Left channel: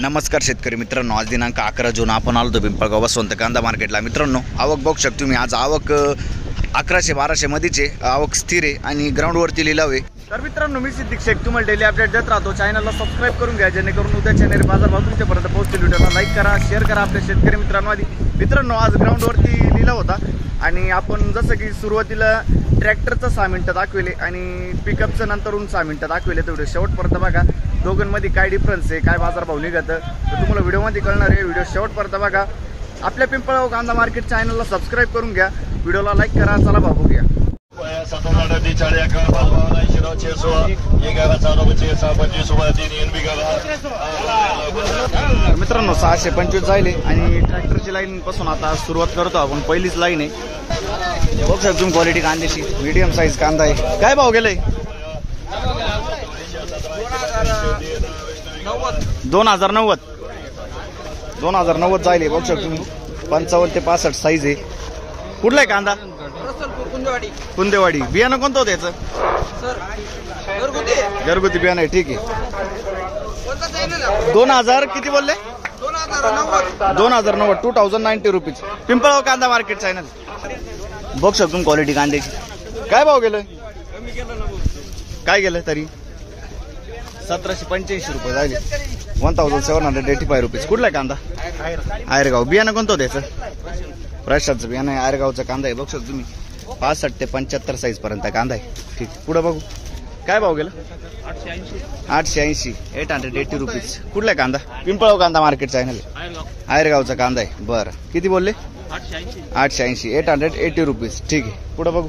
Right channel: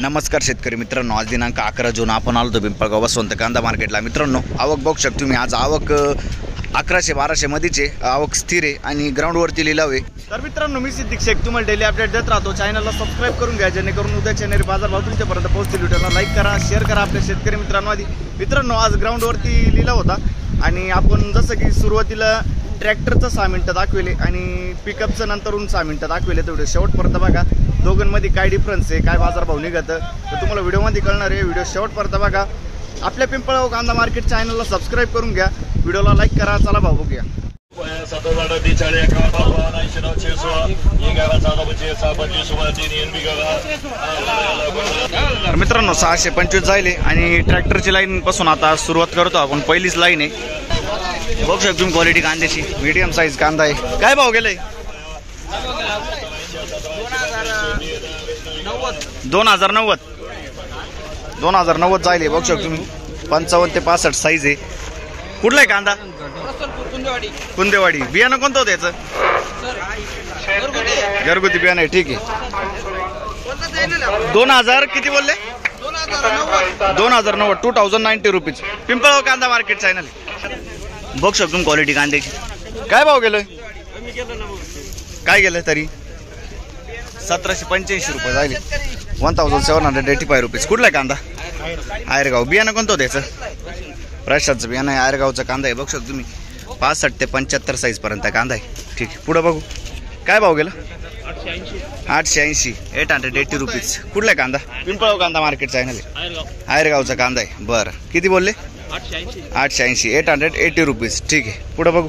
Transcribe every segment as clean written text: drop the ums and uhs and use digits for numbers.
नमस्कार शेतकरी मित्रांनो, आज दिनांक 11 जून आपण आलो पिंपळगाव वसंत कांदा मार्केटला। मित्रांनो, आवक बघू शकता तुम्ही, आज आवक 1100-1200 मध्येचे आवक स्थिर आहे आणि ग्राउंडवरती लिलाव आहे। तर मित्रांनो, मी सिद्दीक शेख तुम्हाला डेली अपडेट देत राहतो। चॅनलला सबस्क्राइब करून घ्या जेणेकरून उद्याच्या नेरी बाजारभाव तुमच्यापर्यंत पोहोचतील। व्हिडिओला लाईक करा, शेअर करा आपल्या शेतकरी मित्रांनो। आधी मित्रांनो, आज ग्राउंडवरती लिलाव होता आणि आपण जसं की सुरुवातीला ट्रॅक्टरचं 6 मिनिटं दाखवले आणि पिकअपचं नंतरून 6 मिनिटं दाखवले। तेवढे शेवटपर्यंत बघा दोघांमध्ये काय डिफरन्स आहे, काय बाजारभाव निघतं तर तुम्हाला व्हिडिओमध्ये कळणार आहे। व्हिडिओ शेवटपर्यंत बघा। आपल्या पिंपळगाव कांदा मार्केट चॅनलला सबस्क्राइब करून घ्या, व्हिडिओला लाईक करा। चला भाऊ बघूया। मित्रांनो, 625 जायले आणि ट्रॅक्टरची लाईन पासून आता सुरुवात करतो आपण। पहिलीच लाईन आहे, बघू शकतो तुम्ही क्वालिटी कांद्याची, मीडियम साईज कांदा आहे। काय भाव गेलाय? 2090 जायले, बघू शकतो तुम्ही। 55 ते 65 साईज आहे। कुठला आहे कांदा? कुंदेवाडी। बियाणं कोणतं होतं याचं? घरगुती बियाणं आहे, ठीक आहे। 2000 किती बोलले? 2090 2090 रुपीज। पिंपळगाव कांदा मार्केट चॅनल बघू शकतो तुम्ही क्वालिटी कांद्याची। काय भाव गेलोय? काय गेलं तरी? 1785 रुपये जायले, 1785 रुपीज। कुठला कांदा? आयरगाव। बियाणं कोणतं होतं याचं? प्रशांतचं बियाणं आहे, आयरगावचा कांदा आहे। बघू शकतो तुम्ही 65 ते 75 साईज पर्यंत कांदा आहे, ठीक आहे। पुढे बघू काय भाव गेलं? 880 रुपीज। कुठला कांदा? पिंपळगाव कांदा मार्केट चॅनल आहे, आयरगावचा कांदा आहे। बरं, किती बोलले? 880 रुपीज, ठीक आहे। पुढे बघू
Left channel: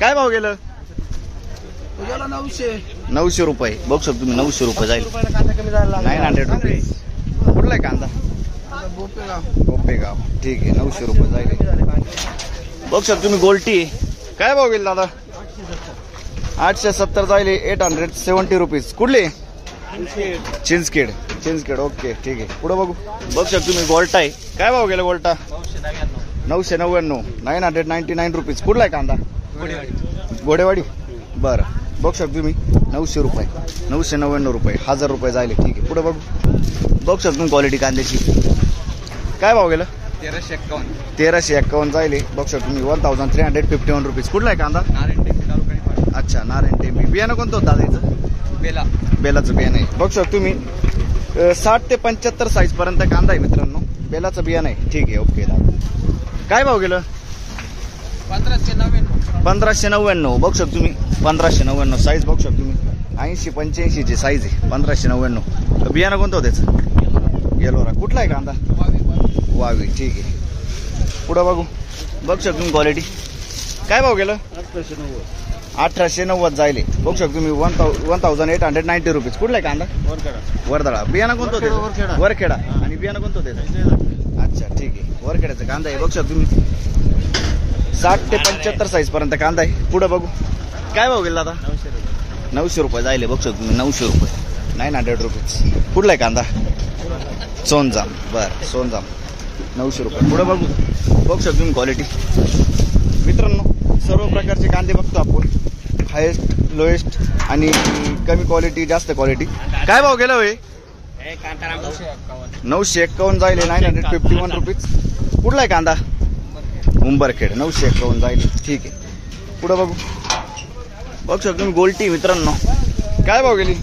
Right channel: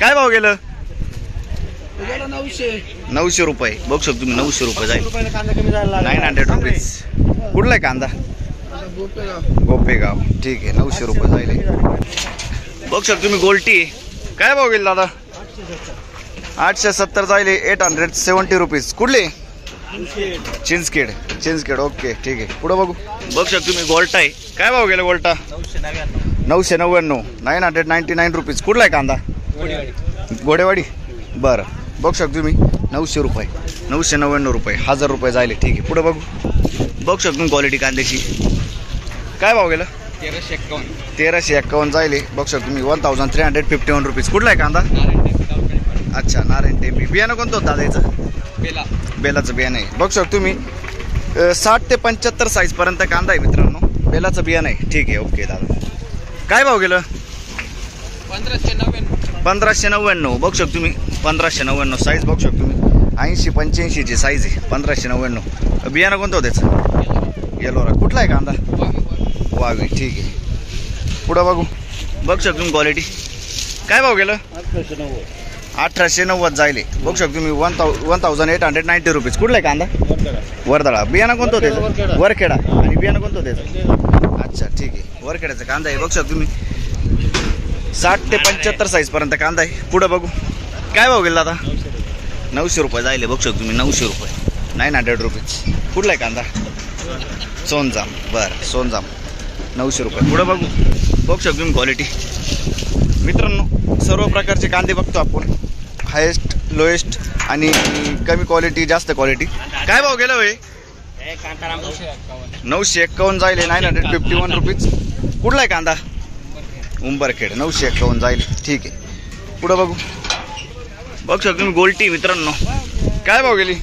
काय भाव गेलं? 900 रुपये। बघू शकतो तुम्ही 900 रुपये जाईल, 900 रुपीज। कुठला आहे कांदा? गोपेगाव, ठीक आहे। 900 रुपये जाईल। बघू शकतो तुम्ही गोल्टी। काय भाव गेला दादा? 870 जाईल, 870 रुपीज। कुठले? चिंचखेड, ओके, ठीक आहे। पुढे बघू शकतो तुम्ही गोल्टा आहे। काय भाव गेला गोल्टा? 999 999 रुपीज। कुठला आहे कांदा? गोडेवाडी, बरं। बघू शकतो तुम्ही 900 रुपये, 999 रुपये, 1000 रुपये जायले, ठीक आहे। पुढे बघू शकतो तुम्ही क्वालिटी कांद्याची। काय भाव गेला? 1351 जायले, बघू शकतो तुम्ही 1351 रुपीज। कुठला आहे कांदा? अच्छा, नारायण टेंबी। बियाणं कोणतं होतं दादा याचं? बेलाचं बियाणं आहे। बघू शकतो तुम्ही 60 ते 75 साईज पर्यंत कांदा आहे मित्रांनो, बेलाचं बियाणं आहे, ठीक आहे, ओके दादा। काय भाव गेलं? 1599। बघू शकतो तुम्ही 1599 साईज। बघू शकतो तुम्ही 80-85 ची साईज आहे, 1599। बियाणं कोणतं होतं त्याचं? येलोरा। कुठला आहे कांदा? वावी, ठीक आहे। पुढं बघू शकतो तुम्ही क्वालिटी। काय भाव गेलं? 1890 जायले, बघू शकतो तुम्ही 1890 रुपीज। कुठला आहे कांदा? वर्दळा। बियाणं कोणतं होतं? वरखेडा। आणि बियाणं कोणतं होतं? अच्छा, ठीक आहे, वरखेड्याचा कांदा आहे। बघू शकतो तुम्ही 60 ते 75 साईज पर्यंत कांदा आहे। पुढे बघू काय भाव गेला दादा? 900 रुपये जायले, बघू शकतो तुम्ही 900 रुपये, 900 रुपीज। कुठला आहे कांदा? सोनजाम, बरं, सोनजाम, 900 रुपये। पुढे बघू शकतो तुम्ही क्वालिटी। मित्रांनो, सर्व प्रकारचे कांदे बघतो आपण, हायेस्ट, लोएस्ट आणि कमी क्वालिटी, जास्त क्वालिटी। काय भाव गेला होय? 951 जायले, 951 रुपीज। कुठला आहे कांदा? उंबरखेड, 951 जायले, ठीक आहे। पुढे बघू शकतो तुम्ही गोल्टी मित्रांनो। काय भाव गेली?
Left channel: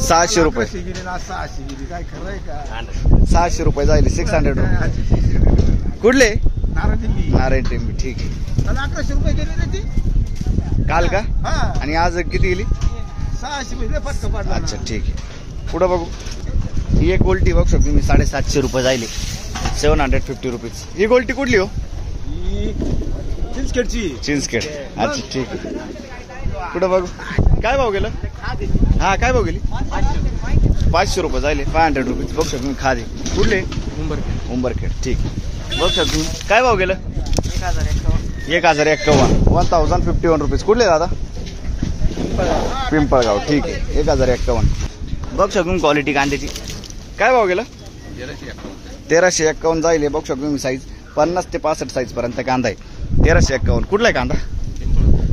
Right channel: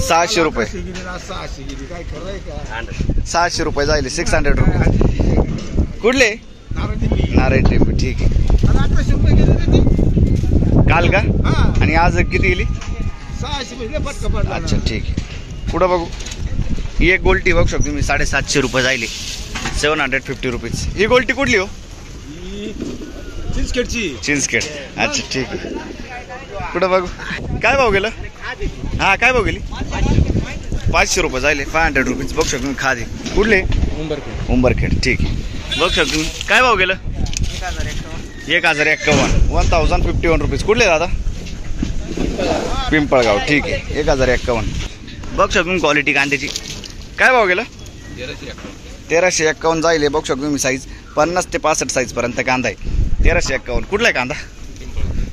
600 रुपये, 600 रुपये जायले, 600 रुपये। कुठले? नारायण टेंबी, ठीक आहे। काल का? आणि आज किती गेली? 600। अच्छा, ठीक आहे। पुढे बघू ही एक गोल्टी बघू शकतो तुम्ही 750 रुपये जायले, 750 रुपीज। ही गोल्टी कुठली हो? चिंचखेड, अच्छा, ठीक आहे। पुढे बघू काय भाव गेलं? हा, काय भाव गेली? 500 रुपये जायले, 500 रुपीज। बघू शकतो तुम्ही खादी। कुठले? उंबरखेड, ठीक आहे। बघू शकतो तुम्ही काय भाव गेलं? 1051 1051 रुपीज। कुठले दादा? पिंपळगाव, ठीक आहे, 1051। बघू शकतो तुम्ही क्वालिटी कांद्याची। काय भाव गेला? 1351 जायले, बघू शकतो तुम्ही साईज 50 ते 65 साईज पर्यंत कांदा आहे, 1351। कुठला आहे कांदा?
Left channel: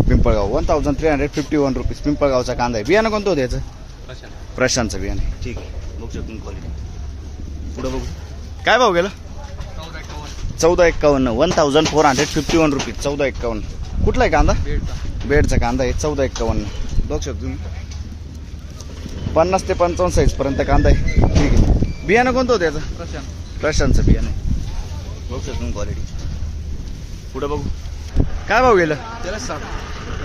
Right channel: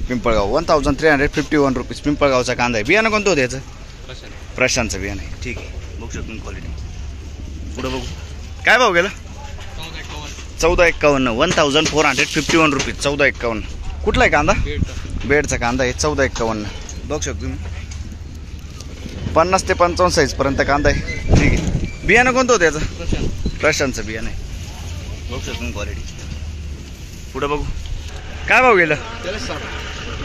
पिंपळगाव, 1351 रुपीज। पिंपळगावचा कांदा आहे। बियाणं कोणतं होतं याचं? प्रशांतचं बियाणं आहे, ठीक आहे। बघू शकतो क्वालिटी. पुढे बघू काय भाव गेला. 1451 1451 रुपीज. 1451. कुठला आहे कांदा. बेडचा कांदा आहे. 1451 बघू शकतो तुम्ही. 50 ते 55 साईज पर्यंत कांदा आहे. ठीक आहे. बियाणं कोणतं होतं याचं. प्रशांतचं बियाणं आहे. बघू शकतो क्वालिटी. पुढे बघू काय भाव गेलं.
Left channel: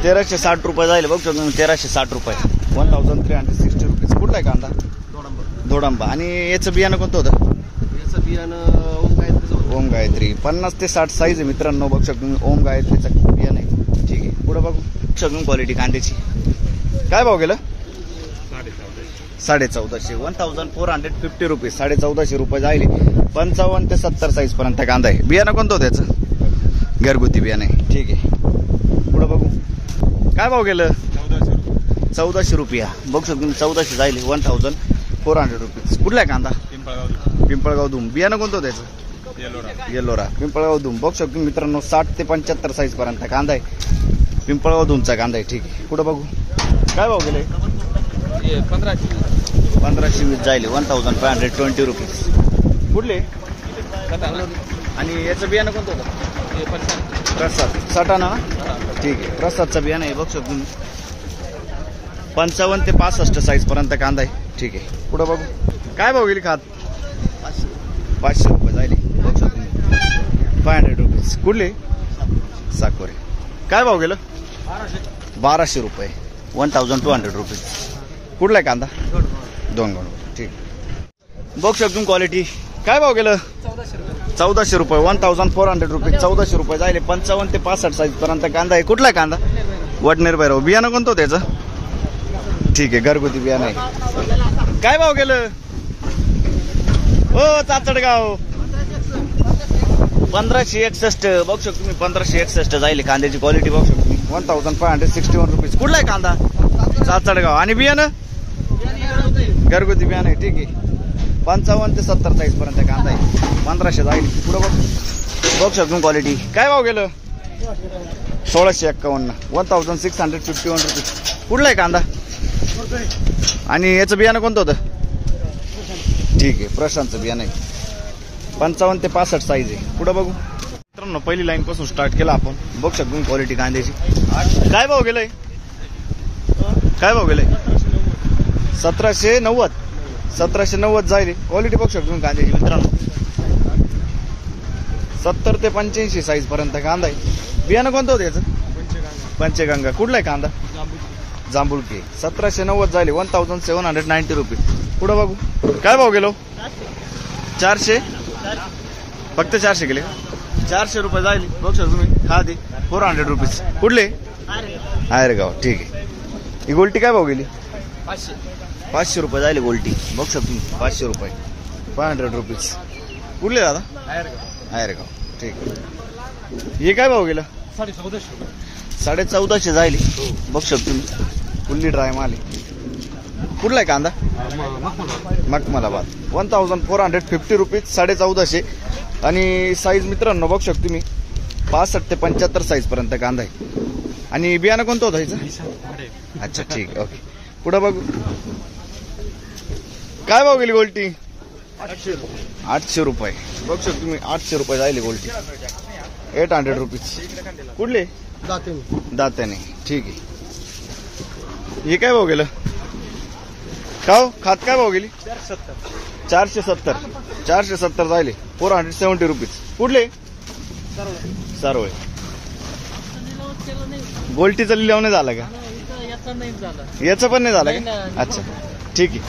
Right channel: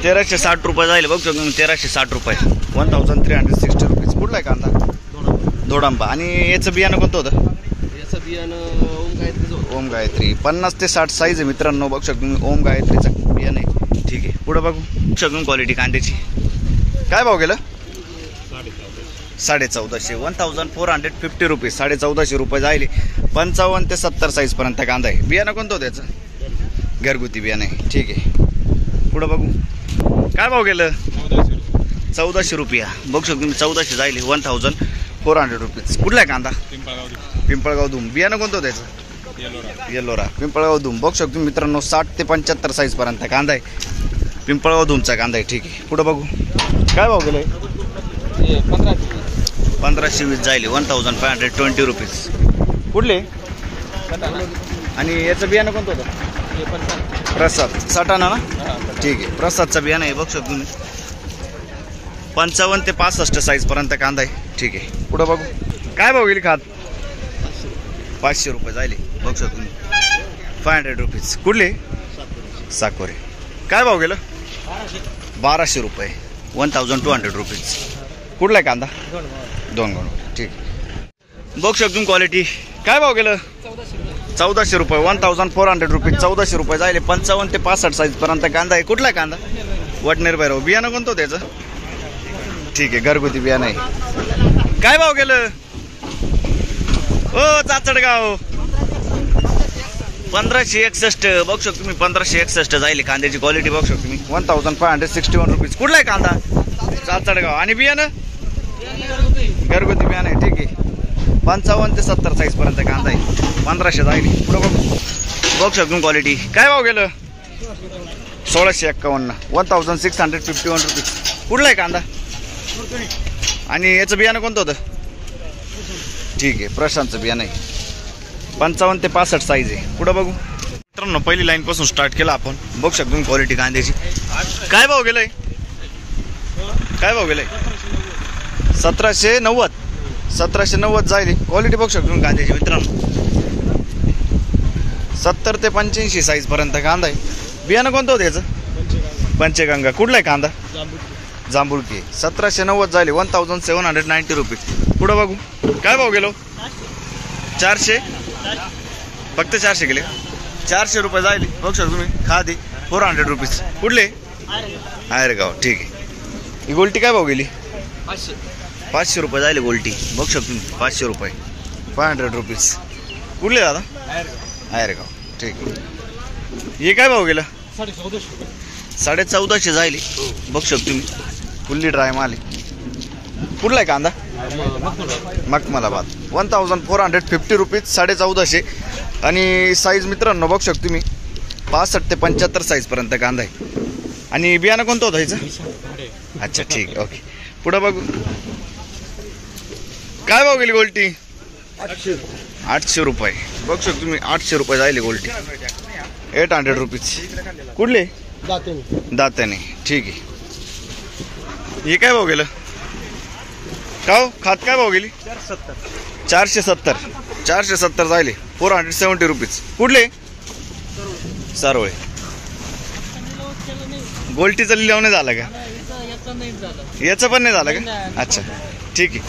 1360 रुपये जाईल. बघू शकतो 1360 रुपये. 1360 रुपीज. कुठला आहे कांदा. धोडांबा. आणि याचं बियाणं कोणतं होतं. याचं बियाणं ओम गायत्री. 50 ते 60 साईज आहे मित्रांनो. बघू शकतो तुम्ही ओम गायत्रीचं बियाणं आहे. ठीक आहे. पुढे बघू शकतो क्वालिटी कांद्याची. काय भाव गेलं. 1450. 1450 रुपीज. 1450 रुपये जाईल. 55 ते 70 साईज पर्यंत कांदा आहे. बियाणं कोणतं होतं त्याचं. घरगुती बियाणं आहे. ठीक आहे. पुढे बघू काय भाव गेलं. 1400 रुपया. बघू शकतो तुम्ही 1400 जाईल. 1400 रुपीज. कुठला आहे कांदा. पिंपळगाव धूम. बियाणं कोणतं होतं त्याचं. येलोरा. पिंपळगाव धूम. बघू शकतो मित्रांनो 60 ते 75 साईज पर्यंत कांदा आहे. पिंपळगाव धूमचा कांदा आहे. ठीक आहे. पुढे बघू काय भाव गेले. 1520 जाईल. 1520 रुपीज. कुठले. आणि याचं बियाणं कोणतं होतं. प्रसाद. सटाणा ना. ठीक आहे. प्रसादचं बियाणं आहे. बघू शकतो तुम्ही 55 ते 65 साईज पर्यंत कांदा आहे. ठीक आहे. पुढे बघू काय भाव गेली. खात 500 रुपये जाईल. बघू शकतो तुम्ही 500 रुपीज. कुठले. साकोरे. काय भाव गेलं. 1200 रुपये. 1200 रुपीज. कुठला आहे कांदा. दोन गोंड. ठीक आहे. बघू शकतो क्वालिटी. काय भाव गेलं. 1400 रुपये. 1400 रुपीज. 1400 रुपये जाईल. 55 ते 65 साईज पर्यंत कांदा आहे. कुठला आहे कांदा. वडनेर भैरव. बियाणं कोणतं होतं त्याचं. ठीक आहे. घरगुती बियाणं आहे. काय भाव गेलं. ओ चाचडगाव. 1561. बघू शकतो तुम्ही 1561 जाईल. कांद्याची क्वालिटी बघू शकतो तुम्ही 1561 रुपीज. कुठला आहे कांदा. चाचडगाव. आणि बियाणं घरगुती बियाणं आहे. ठीक आहे. 55 ते 70 साईज पर्यंत कांदा आहे. 1500 जाईल. पुढे बघू शकतो क्वालिटी. काय भाव गेलं. 1651. 1651 रुपीज. कुठला आहे कांदा. आणि याचं बियाणं कोणतं होतं. ठीक आहे. प्रशांतचं बियाणं आहे. 55 ते 65 साईज आहे. पुढे बघू मित्रांनो पहिली लाईन पासून स्टार्ट केला आपण. बघू शकतो क्वालिटी कांद्याची. काय भाव गेलंय. काय भाव गेलंय. 1790. 1790 जाईल. क्वालिटी बघू शकतो कांद्याची मित्रांनो. 70 ते 85 साईज पर्यंत कांदा आहे. बियाणं कोणतं होतं याचं. पंचगंगा. कुठला आहे कांदा. जांभुळकी. 1790 जाईल. 1790 रुपीज. पुढे बघू काय भाव गेलो. 400. फक्त 400 गेले. 400 रुपये जाईल. बघू शकतो तुम्ही. खादी 400 रुपीज. कुठले. आयरगाव. ठीक आहे. ही गोल्टी काय भाव गेली. 500 रुपये जाईल गोल्टी. बघू शकतो तुम्ही 500 रुपये. 500 रुपीज. कुठले दादा. आयरगाव. ठीक आहे. हे काय भाव गेलं. 1450 जाईल. बघू शकतो तुम्ही फुल्ली ड्राय माल आहे. कुठला आहे कांदा. मखमलाबाद. 1450 रुपीज. 1450. आणि साईज मित्रांनो बघू शकतो तुम्ही 65 ते 75 साईज पर्यंत कांदा आहे. आणि बियाणं कोणतं होतं ह्याचं. अच्छा ठीक आहे. ओके. पुढे बघू काय भाव गेली गोल्टी. 800 रुपये. बघू शकतो तुम्ही 800 रुपये जाईल गोल्टी. 800 रुपीज. कुठले. दात्याने. ठीक आहे. हे काय भाव गेलं. का खात काय भाव गेली. 470. 470 जाईल. 470 रुपीज. कुठले. सारोळे. गोल्टीचा लिलाव नाही झाला का. याचं पण नाही झालं का. अच्छा ठीक आहे.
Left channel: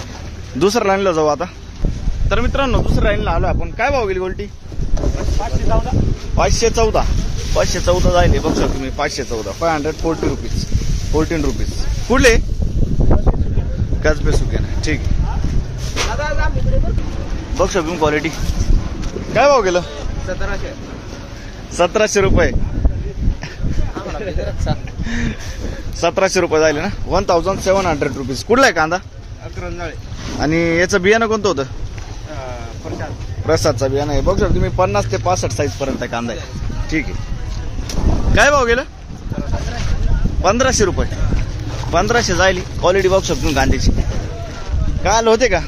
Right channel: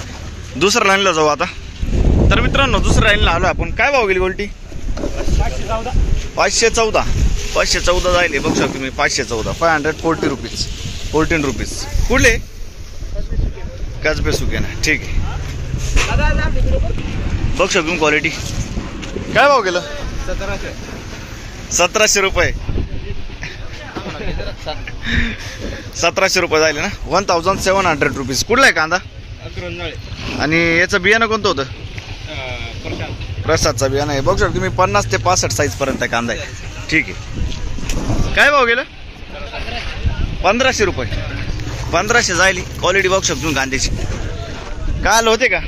दुसऱ्या लाईनला जाऊ आता. तर मित्रांनो दुसऱ्या लाईनला आलो आपण. काय भाव गेली गोल्टी. 514. 514 जाईल. बघू शकतो तुम्ही 514. 540 रुपीज. 14 रुपीज. कुठले. कसबे सुके ना. ठीक आहे. बघू शकतो तुम्ही क्वालिटी. काय भाव गेलं. 1700 रुपये. 1700 रुपये जाईल ना. 1700 रुपीज. कुठला आहे कांदा. आणि याचं बियाणं कोणतं होतं. प्रसादचा बियाणं आहे. बघू शकतो तुम्ही 50 ते 65 साईज पर्यंत कांदा आहे. ठीक आहे. काय भाव गेलं. 1500 रुपये. 1500 जाईल. क्वालिटी बघू शकतो कांद्याची. काल होते का.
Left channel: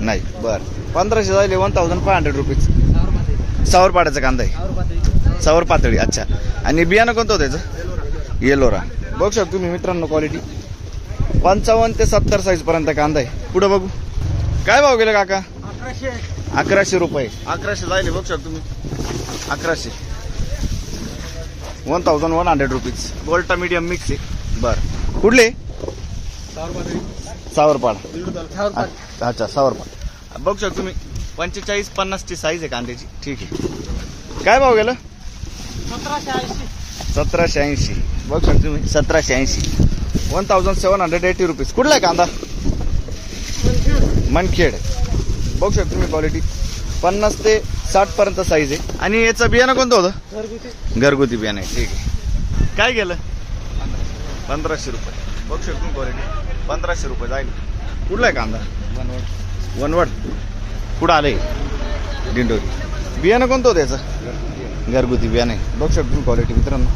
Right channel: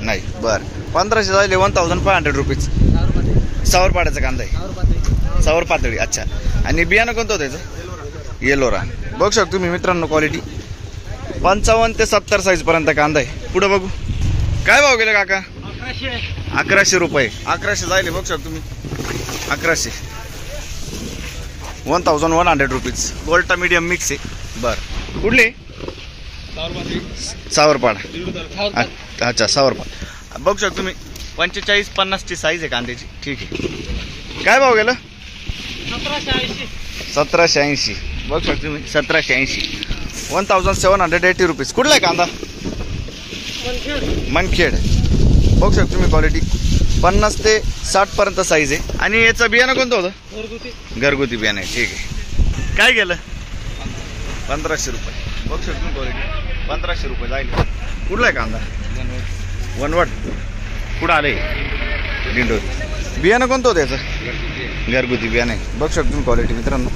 नाही बरं. 1500 झाले. 1500 रुपीज. सावरपाड्याचा कांदा आहे. सावर पातळी. अच्छा. आणि बियाणं कोणतं होतं त्याचं? येलोरा. बघू शकतो तुम्ही मित्रांनो क्वालिटी. 55 ते 70 साईज पर्यंत कांदा आहे. पुढे बघू काय भाव गेले काका? 1100 रुपये. 1100 जायले. बघू शकतो तुम्ही 1100. 1100 रुपीज. गोल्टा मीडियम मिक्स आहे. बरं. कुठले? सावरपाडा. अच्छा सावरपाडा. बघू शकतो तुम्ही 45-50 ची साईज आहे कांद्याची. ठीक आहे. काय भाव गेलं? 1780. बघू शकतो तुम्ही 1780. 1780 रुपीज. कुठला आहे कांदा? मनखेड. बघू शकतो तुम्ही क्वालिटी. 50 ते 60 पर्यंत साईज आहे. आणि याचं बियाणं कोणतं होतं? घरगुती बियाणं आहे. ठीक आहे. काय गेलं? 1500 रुपये. बघू शकतो तुम्ही क्वालिटी. 1500 रुपये जाईल. कुठला आहे कांदा? वनवट. कुठं आले? दिंडोरी. बियाणं कोणतं होतं याचं? घरगुती बियाणं आहे. बघू शकतो तुम्ही क्वालिटी मित्रांनो.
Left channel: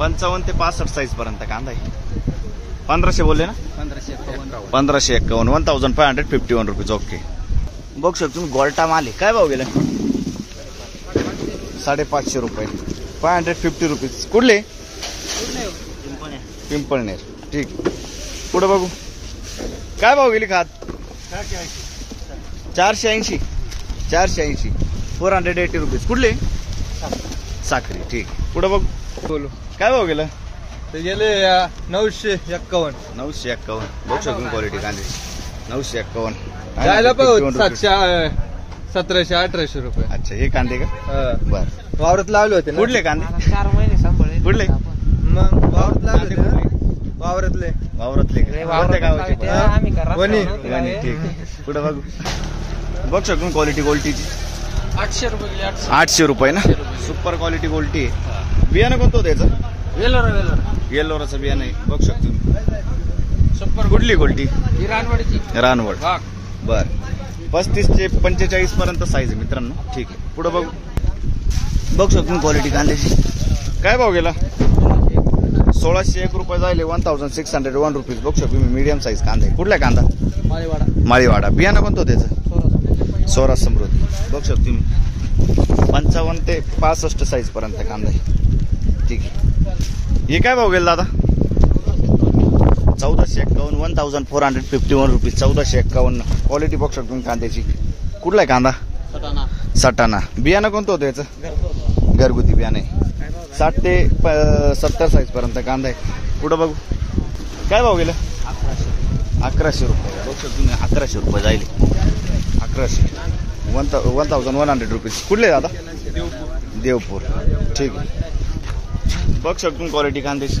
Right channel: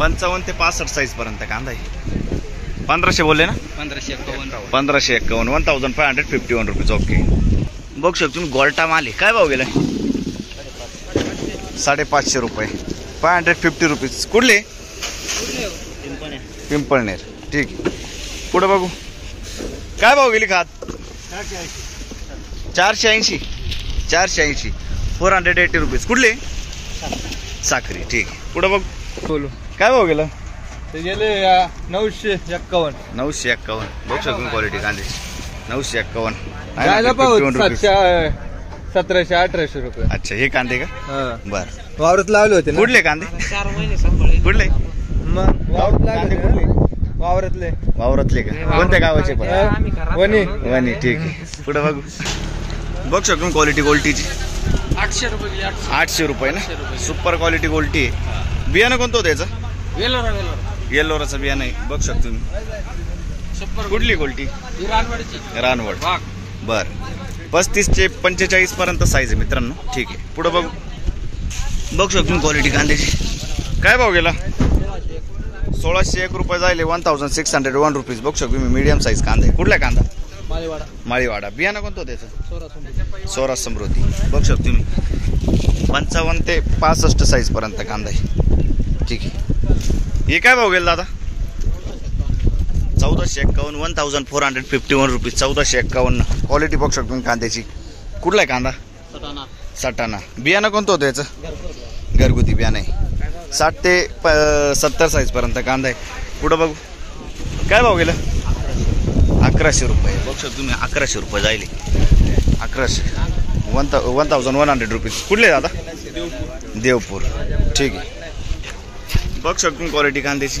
55 ते 65 साईज पर्यंत कांदा आहे. 1500 बोलले ना? 1551. 1551. 1551 रुपीज. ओके. बघू शकतो तुम्ही गोल्टा माल आहे. काय भाव गेला? 550 रुपये. 550 रुपीज. कुठले? पिंपळनेर. ठीक आहे. पुढे बघू काय भाव गेली खात? 480. 480. रुपीज. कुठले? साखरी. ठीक आहे. पुढे बघ बोलू काय भाव गेलं? ते गेले 951. 951. बघू शकतो क्वालिटी कांदे. 951. 1700-1800 रुपये. अच्छा हे कांदे का? बर. वावरात लावले होते ना. कुठले कांदे? 4 महिने सांभाळले. कुठले? मग वावरात लावले होते ना. वावरातले वावरातले का? कोणत्या गावाचे पण? वणी. वणी. ठीक आहे. पुढे बघू बघू शकतो क्वालिटी गोल्टीची. 800 रुपये गेले. 800 रुपये ना. सुपर क्वालिटी गोल्टी आहे. बियाणं कोणतं होतं याचं? वेलोरा. येल्लोराचं बियाणं आहे. बघू शकतो तुम्ही. सप्पर कुठली गोल्टी? ही रानवाडीची. रानवड. भाग. बर. 35 ते 45 पर्यंत साईज आहे मित्रांनो. ठीक आहे. पुढे बघू बघू शकतो तुम्ही क्वालिटी कांद्याची. काय भाव गेला? 1601 रुपये जायले. 1601 रुपीज. बघू शकतो तुम्ही मीडियम साईज कांदा आहे. कुठला कांदा? माळीवाडा. माळीवाडा. बियाणं कोणतं होतं त्याचं? स्वराज समृद्धी. बघू शकतो तुम्ही 55 ते 65 साईज पर्यंत कांदा आहे. ठीक आहे. हे काय भाव गेला दादा? 1451. 1451 रुपीज. 1451. क्वालिटी बघू शकतो तुम्ही कांद्याची. कुठला आहे कांदा? सटाणा. बियाणं कोणतं होतं याचं? घरगुती बियाणं आहे. 60 ते 70 साईज पर्यंत कांदा आहे. पुढं बघू काय भाव गेलं? 1100 रुपये. बघू शकतो तुम्ही 1100 रुपये जायले. 1100. 1100 रुपीज. कुठले दादा? देवपूर. ठीक आहे. बघू शकतो तुम्ही क्वालिटी कांद्याची.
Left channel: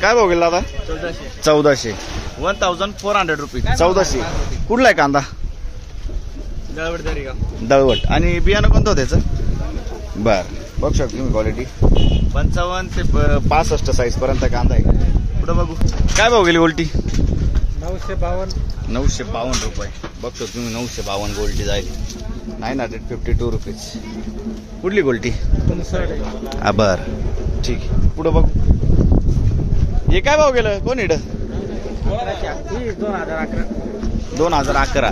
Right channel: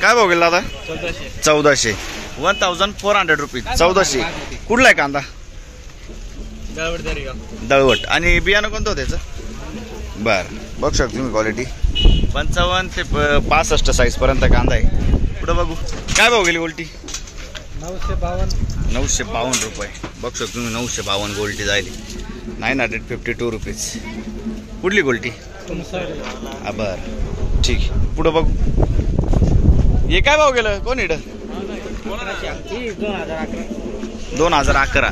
काय भाव गेला दादा? 1400. 1400 रुपीज. 1400. कुठला आहे कांदा? दळवट. आणि बियाणं कोणतं होतं त्याचं? बरं. बघू शकतो तुम्ही क्वालिटी. 55 ते 65 साईज पर्यंत कांदा आहे. पुढे बघू काय भाव गेली गोल्टी? 952 रुपये. बघू शकतो तुम्ही 952 गोल्टी जायली. 952 रुपीज. कुठली गोल्टी? बरं. ठीक आहे. पुढे बघू हे काय भाव गेलं? कोण इकडे? 2011.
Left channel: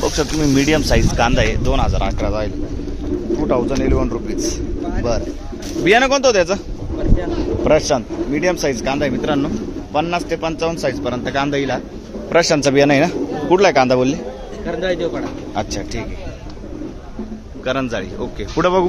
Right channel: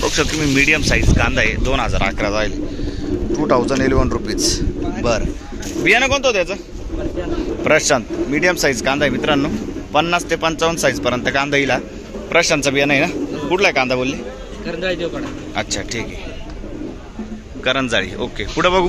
बघू शकतो तुम्ही मीडियम साईज कांदा आहे. 2011 जायले. 2011 रुपीज. बरं. बियाणं कोणतं होतं त्याचं? प्रशांत. मीडियम साईज कांदा आहे मित्रांनो. 50 ते 55 साईज पर्यंत कांदा येईल. प्रशांतचा बियाणं आहे ना. कुठला कांदा बोलले? करंजाळी देवपाडा. अच्छा ठीक आहे. करंजाळी. ओके. पुढे बघू